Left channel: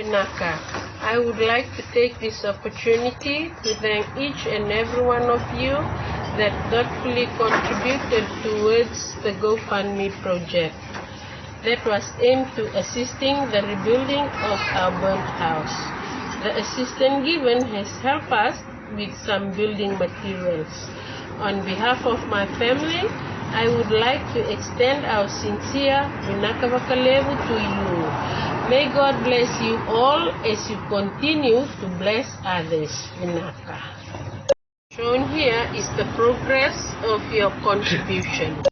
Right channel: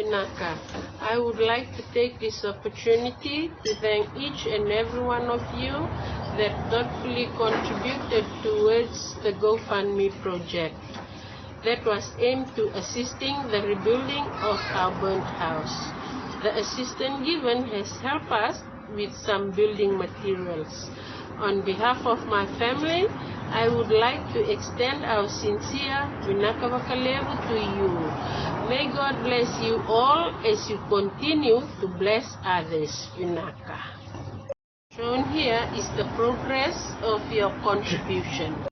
Vinaka, I would like to take this opportunity to thank each and every one of you that thoughtfully contributed towards the GoFundMe project that was aimed to assisting the rebuilding of our burnt house. The assistance given has helped us with some building materials. On behalf of my family, I would like to extend our sincere Vinaka Vakalevu to you. May God bless you all as you continue to bless others, Vinaka. Shown here is the progress of your contribution.